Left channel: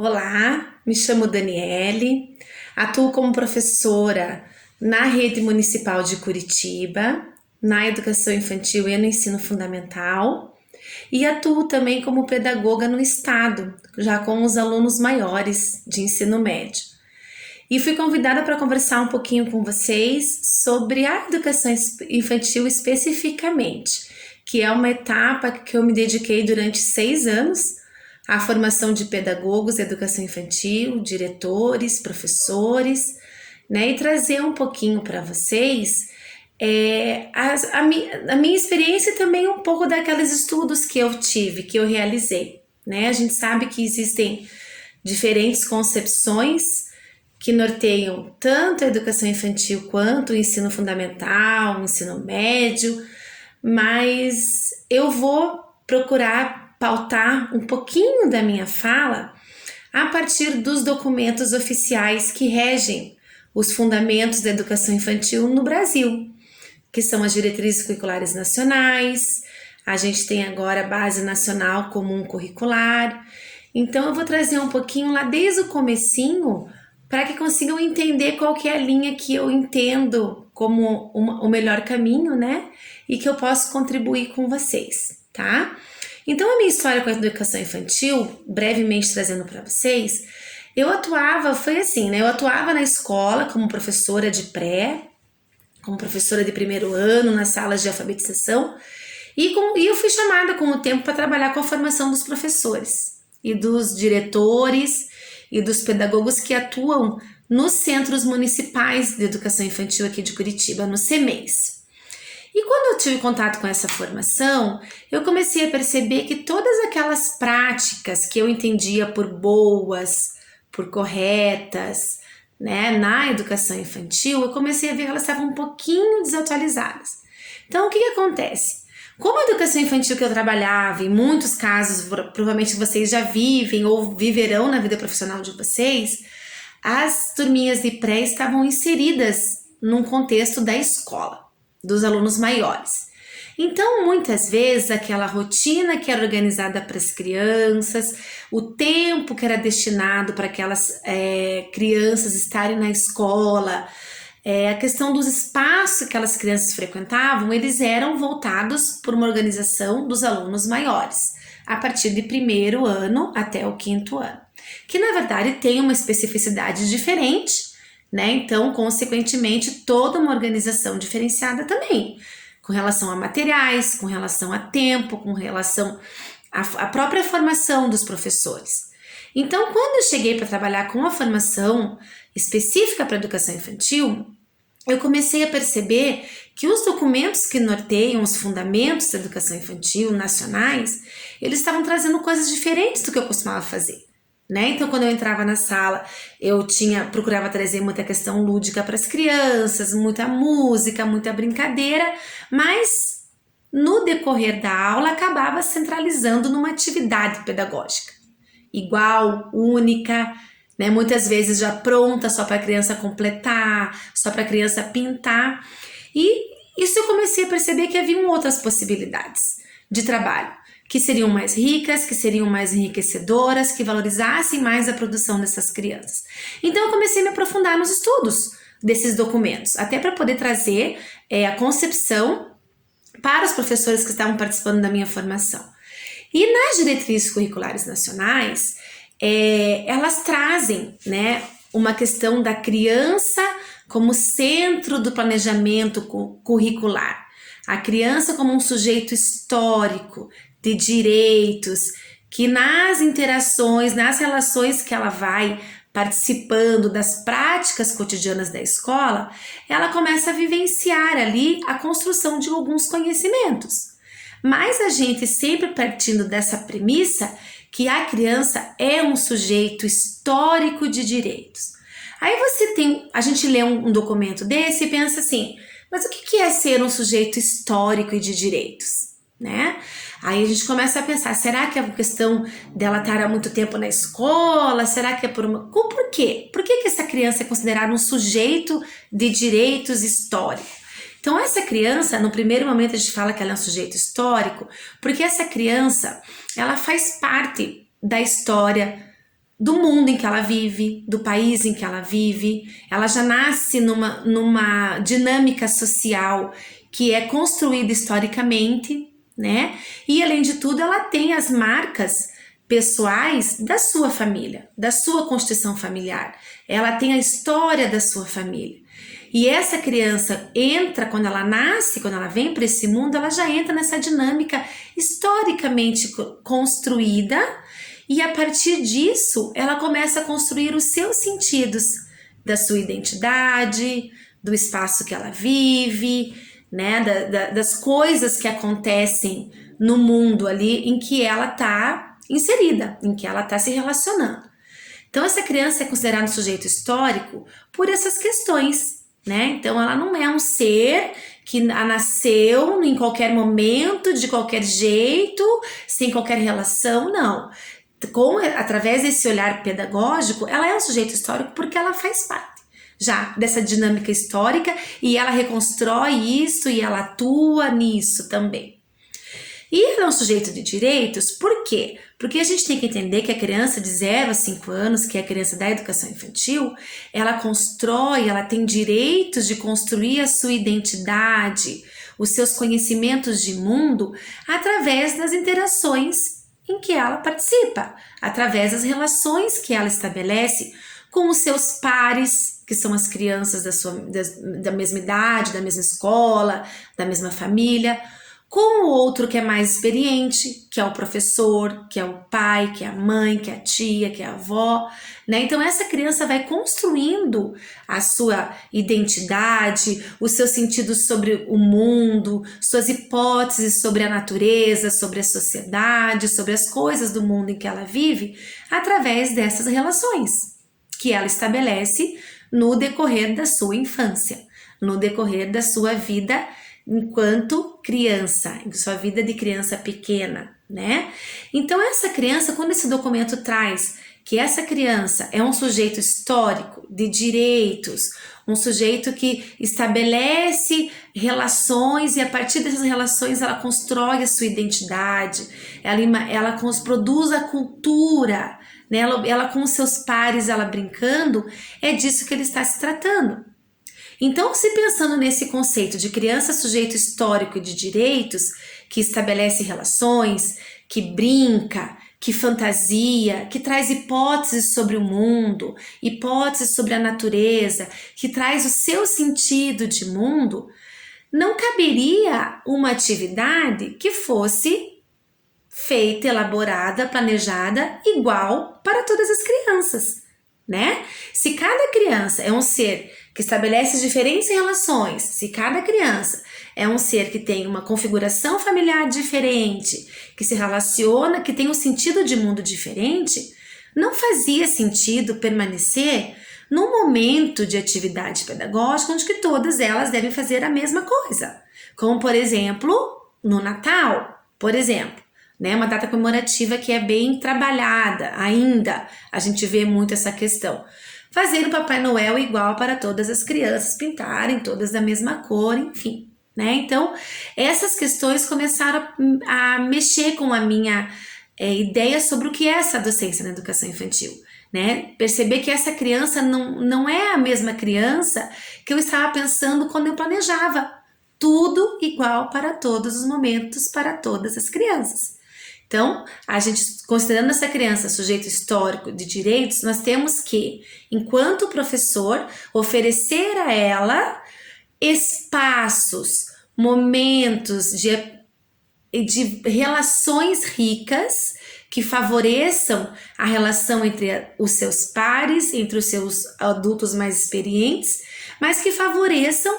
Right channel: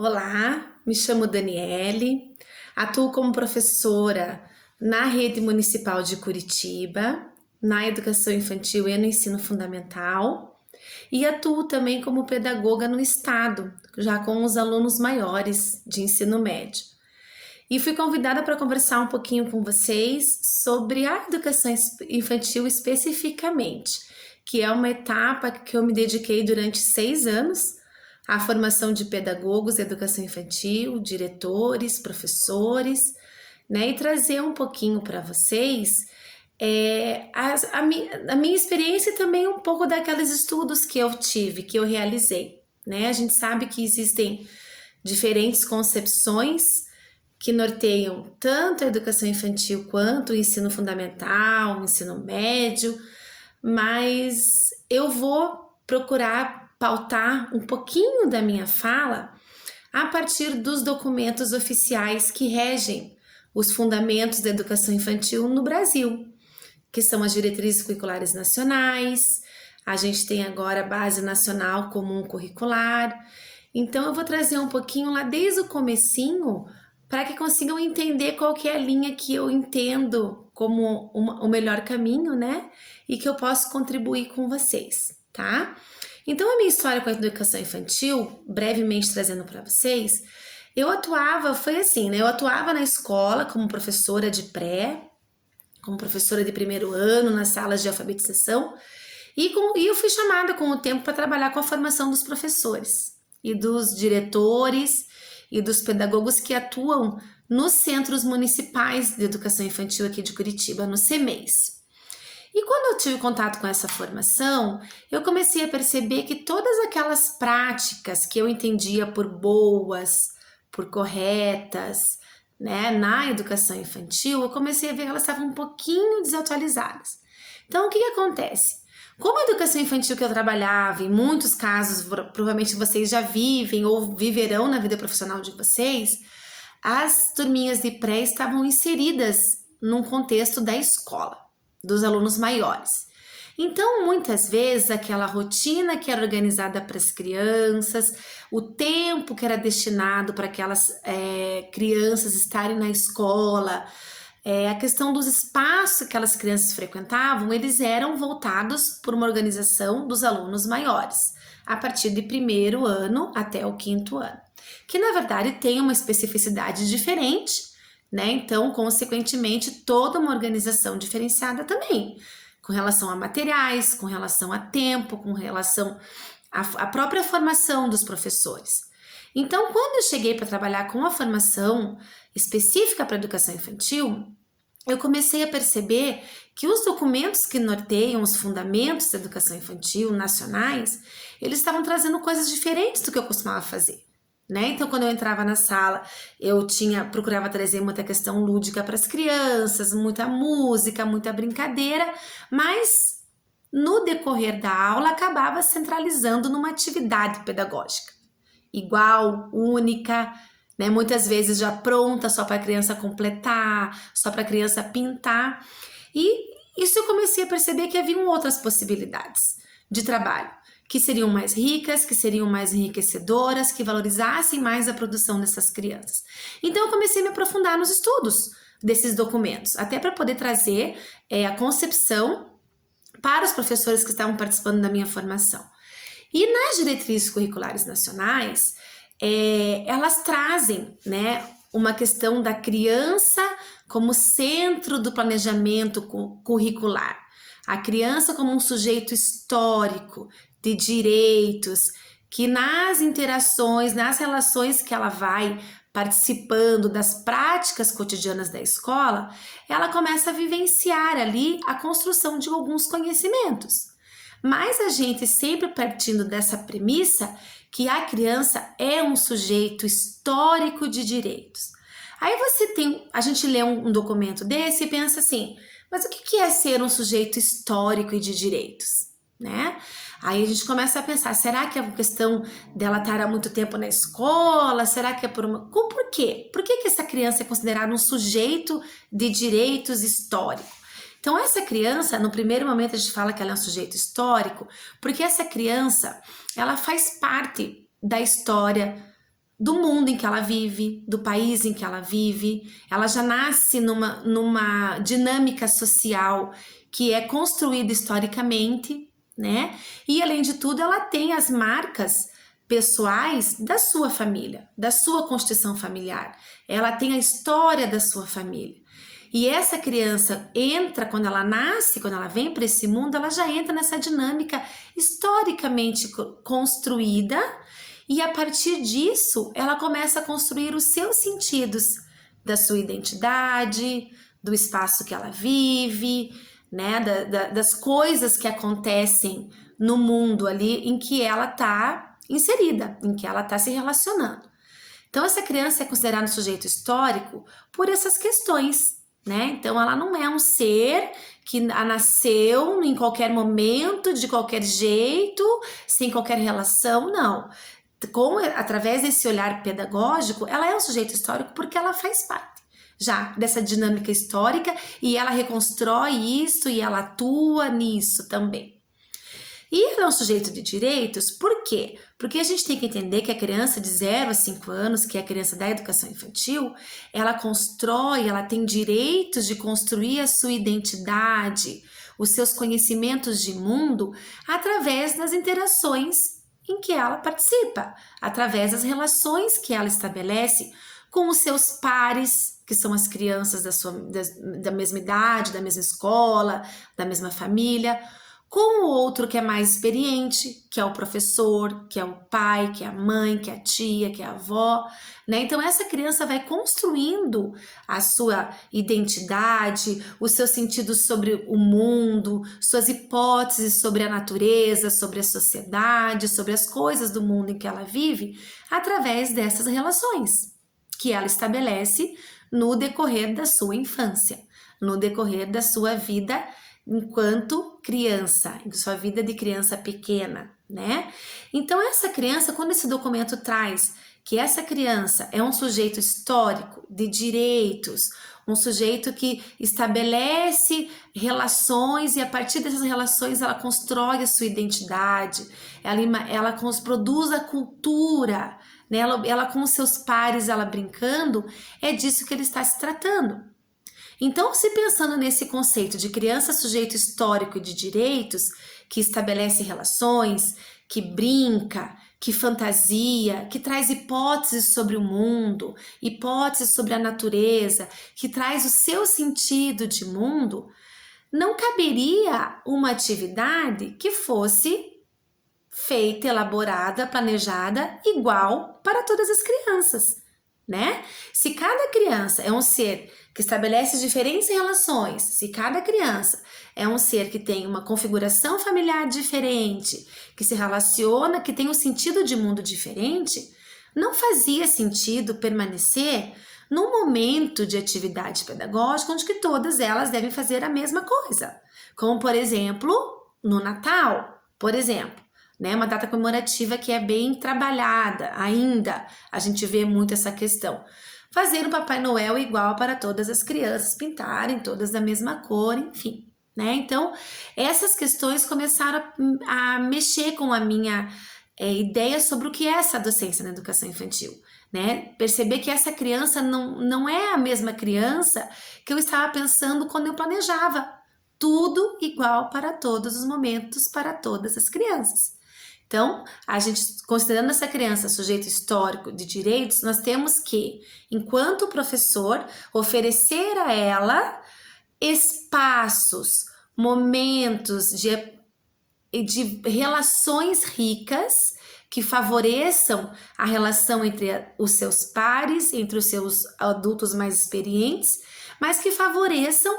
Olá, me chamo Daniele, atuo como professora na rede municipal de Curitiba, na educação infantil e no ensino fundamental, e atuo também como pedagoga no estado, já com os alunos maiores de ensino médio. E fui convidada para conversar um pouquinho com vocês sobre a educação infantil especificamente, que é uma etapa que eu me dediquei durante 6 anos à formação de pedagogos de educação infantil, diretores, professores, né? E trazer um pouquinho para vocês a minha experiência e também um pouco daqueles estudos que eu tive, que eu realizei, né? A gente sabe que existem diferentes concepções que norteiam tanto a educação infantil quanto o ensino fundamental, o ensino médio, mas eu vou procurar pautar um pouquinho da minha fala a partir dos documentos oficiais que regem os fundamentos da educação infantil no Brasil, que são as diretrizes curriculares nacionais. A gente tem agora a Base Nacional Comum Curricular. Então eu vou trazer um pouquinho lá desde o comecinho para que consigam entender qual que é a linha que eu entendo como o melhor caminho, né? E que eu posso contribuir com vocês, tá? Então a minha história com a educação infantil, brevemente trazendo para vocês, foi assim, né? Eu atuava na escola como professora de pré, como professora de primeiro ano, nas salas de alfabetização, e eu fui chamada com o tempo para trabalhar com a formação dos professores e dos diretores e dos pedagogos que atuam nos centros municipais de educação infantil aqui de Curitiba, no CEMEIs. E quando eu tive contato com essa formação, eu comecei a perceber que todas aquelas práticas que eu entendia por boas, por corretas, né, na educação infantil, eu comecei a ver que elas estavam um pouquinho desatualizadas. Então, o que acontece? Como a educação infantil que eu trabalhava, em muitos casos, provavelmente vocês já vivem ou viverão na vida profissional de vocês, as turminhas de pré estavam inseridas num contexto da escola, dos alunos maiores. Então, muitas vezes, aquela rotina que era organizada para as crianças, o tempo que era destinado para aquelas crianças estarem na escola, a questão dos espaços que aquelas crianças frequentavam, eles eram voltados por uma organização dos alunos maiores, a partir de primeiro ano até o quinto ano, que na verdade tem uma especificidade diferente, né? Então, consequentemente, toda uma organização diferenciada também, com relação a materiais, com relação a tempo, com relação à própria formação dos professores. Então, quando eu cheguei para trabalhar com a formação específica para a educação infantil, eu comecei a perceber que os documentos que norteiam os fundamentos da educação infantil nacionais, eles estavam trazendo coisas diferentes do que eu costumava fazer. Né? Então, quando eu entrava na sala, procurava trazer muita questão lúdica para as crianças, muita música, muita brincadeira, mas no decorrer da aula acabava centralizando numa atividade pedagógica igual, única, né? Muitas vezes já pronta só para a criança completar, só para a criança pintar. E isso eu comecei a perceber que haviam outras possibilidades de trabalho, que seriam mais ricas, que seriam mais enriquecedoras, que valorizassem mais a produção dessas crianças. Então eu comecei a me aprofundar nos estudos desses documentos, até para poder trazer a concepção para os professores que estavam participando da minha formação. E nas diretrizes curriculares nacionais, elas trazem, né, uma questão da criança como centro do planejamento curricular. A criança como um sujeito histórico de direitos, que nas interações, nas relações que ela vai participando das práticas cotidianas da escola, ela começa a vivenciar ali a construção de alguns conhecimentos. Mas a gente sempre partindo dessa premissa que a criança é um sujeito histórico de direitos. Aí a gente lê um documento desse e pensa assim, mas o que é ser um sujeito histórico e de direitos, né? Aí a gente começa a pensar, será que é uma questão dela estar há muito tempo na escola? Será que é por quê? Por que essa criança é considerada um sujeito de direitos histórico? Então essa criança, no primeiro momento a gente fala que ela é um sujeito histórico, porque essa criança, ela faz parte da história do mundo em que ela vive, do país em que ela vive. Ela já nasce numa dinâmica social que é construída historicamente, né? E além de tudo, ela tem as marcas pessoais da sua família, da sua constituição familiar. Ela tem a história da sua família. E essa criança entra, quando ela nasce, quando ela vem para esse mundo, ela já entra nessa dinâmica historicamente construída, e a partir disso ela começa a construir os seus sentidos da sua identidade, do espaço que ela vive, né, das coisas que acontecem no mundo ali em que ela está inserida, em que ela está se relacionando. Então essa criança é considerada um sujeito histórico por essas questões, né? Então ela não é um ser que nasceu em qualquer momento, de qualquer jeito, sem qualquer relação, não. Através desse olhar pedagógico, ela é um sujeito histórico porque ela faz parte já dessa dinâmica histórica e ela reconstrói isso e ela atua nisso também. E ela é um sujeito de direitos, por quê? Porque a gente tem que entender que a criança de 0 a 5 anos, que é a criança da educação infantil, ela constrói, ela tem direitos de construir a sua identidade, os seus conhecimentos de mundo, através das interações em que ela participa, através das relações que ela estabelece com os seus pares, que são as crianças da mesma idade, da mesma escola, da mesma família, com o outro que é mais experiente, que é o professor, que é o pai, que é a mãe, que é a tia, que é a avó, né? Então essa criança vai construindo a sua identidade, os seus sentidos sobre o mundo, suas hipóteses sobre a natureza, sobre a sociedade, sobre as coisas do mundo em que ela vive, através dessas relações que ela estabelece no decorrer da sua infância, no decorrer da sua vida enquanto criança, em sua vida de criança pequena, né? Então essa criança, quando esse documento traz que essa criança é um sujeito histórico de direitos, um sujeito que estabelece relações e a partir dessas relações ela constrói a sua identidade, ela produz a cultura, né? Ela com os seus pares, ela brincando, é disso que ele está se tratando. Então, se pensando nesse conceito de criança sujeito histórico e de direitos, que estabelece relações, que brinca, que fantasia, que traz hipóteses sobre o mundo, hipóteses sobre a natureza, que traz o seu sentido de mundo, não caberia uma atividade que fosse feita, elaborada, planejada igual para todas as crianças, né? Se cada criança é um ser que estabelece diferentes relações, se cada criança é um ser que tem uma configuração familiar diferente, que se relaciona, que tem um sentido de mundo diferente, não fazia sentido permanecer num momento de atividade pedagógica onde que todas elas devem fazer a mesma coisa. Como, por exemplo, no Natal, por exemplo, né? Uma data comemorativa que é bem trabalhada ainda, a gente vê muito essa questão. Fazer o Papai Noel igual para todas as crianças, pintarem todas da mesma cor, enfim, né? Então, essas questões começaram a mexer com a minha ideia sobre o que é essa docência na educação infantil, né? Perceber que essa criança não é a mesma criança que eu estava pensando quando eu planejava. Tudo igual para todos os momentos, para todas as crianças. Então, a gente, considerando essa criança sujeito histórico de direitos, nós temos que, enquanto professor, oferecer a ela espaços, momentos de relações ricas que favoreçam a relação entre os seus pares, entre os seus adultos mais experientes, mas que favoreçam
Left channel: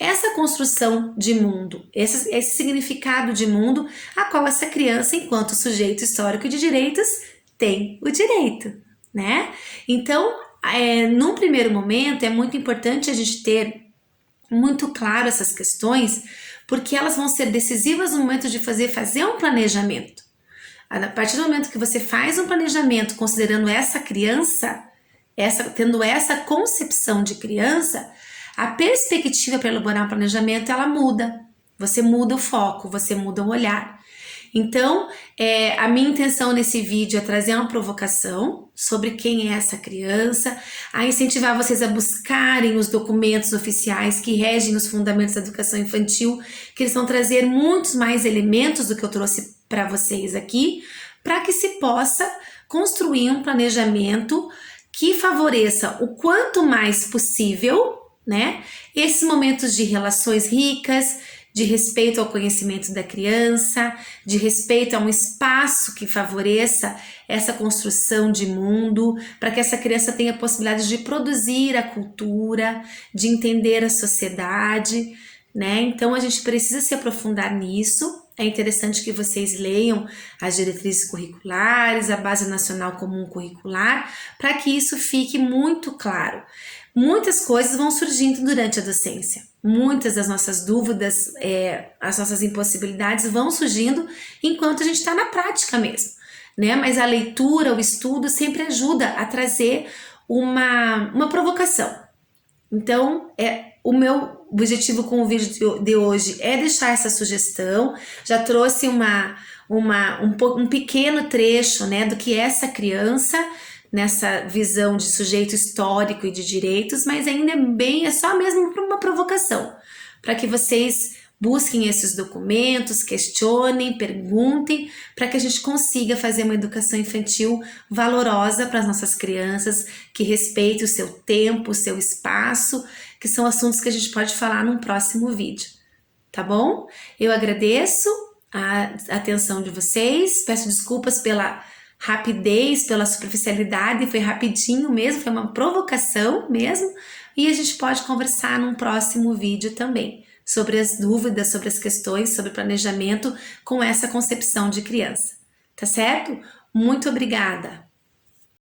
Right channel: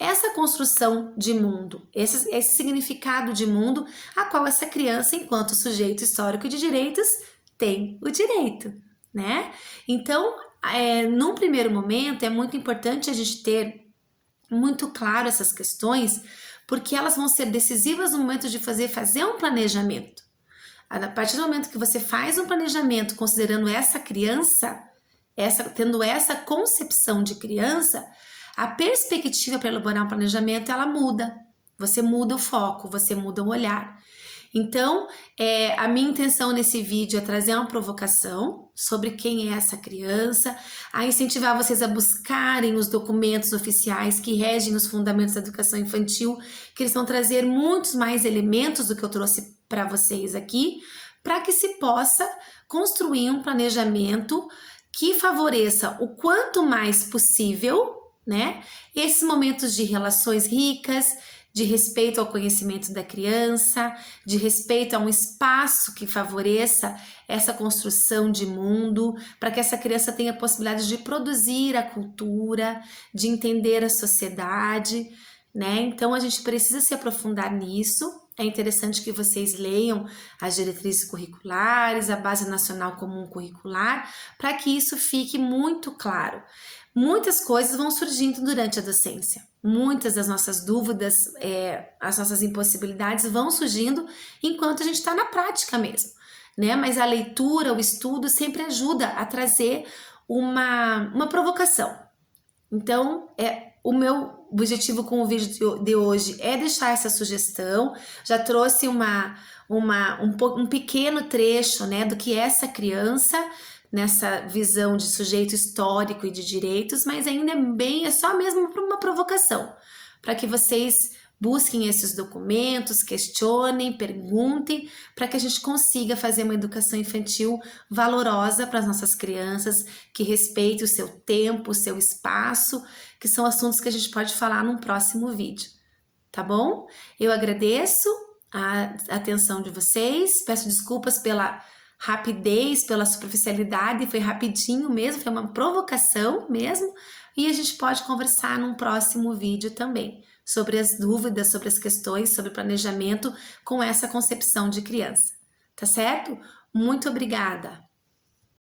essa construção de mundo, esse significado de mundo a qual essa criança, enquanto sujeito histórico de direitos, tem o direito, né? Então, num primeiro momento, é muito importante a gente ter muito claro essas questões, porque elas vão ser decisivas no momento de fazer um planejamento. A partir do momento que você faz um planejamento considerando essa criança, tendo essa concepção de criança, a perspectiva para elaborar um planejamento, ela muda. Você muda o foco, você muda o olhar. Então, a minha intenção nesse vídeo é trazer uma provocação sobre quem é essa criança, a incentivar vocês a buscarem os documentos oficiais que regem os fundamentos da educação infantil, que eles vão trazer muitos mais elementos do que eu trouxe para vocês aqui, para que se possa construir um planejamento que favoreça o quanto mais possível, né, esses momentos de relações ricas, de respeito ao conhecimento da criança, de respeito a um espaço que favoreça essa construção de mundo, para que essa criança tenha a possibilidade de produzir a cultura, de entender a sociedade, né? Então a gente precisa se aprofundar nisso. É interessante que vocês leiam as diretrizes curriculares, a Base Nacional Comum Curricular, para que isso fique muito claro. Muitas coisas vão surgindo durante a docência. Muitas das nossas dúvidas, as nossas impossibilidades vão surgindo enquanto a gente está na prática mesmo, né? Mas a leitura, o estudo sempre ajuda a trazer uma provocação. Então, o meu objetivo com o vídeo de hoje é deixar essa sugestão. Já trouxe um pequeno trecho, né, do que é essa criança, nessa visão de sujeito histórico e de direitos, mas ainda é só mesmo uma provocação, para que vocês busquem esses documentos, questionem, perguntem, para que a gente consiga fazer uma educação infantil valorosa para as nossas crianças, que respeite o seu tempo, o seu espaço, que são assuntos que a gente pode falar num próximo vídeo, tá bom? Eu agradeço a atenção de vocês, peço desculpas pela rapidez, pela superficialidade, foi rapidinho mesmo, foi uma provocação mesmo, e a gente pode conversar num próximo vídeo também sobre as dúvidas, sobre as questões, sobre planejamento com essa concepção de criança, tá certo? Muito obrigada!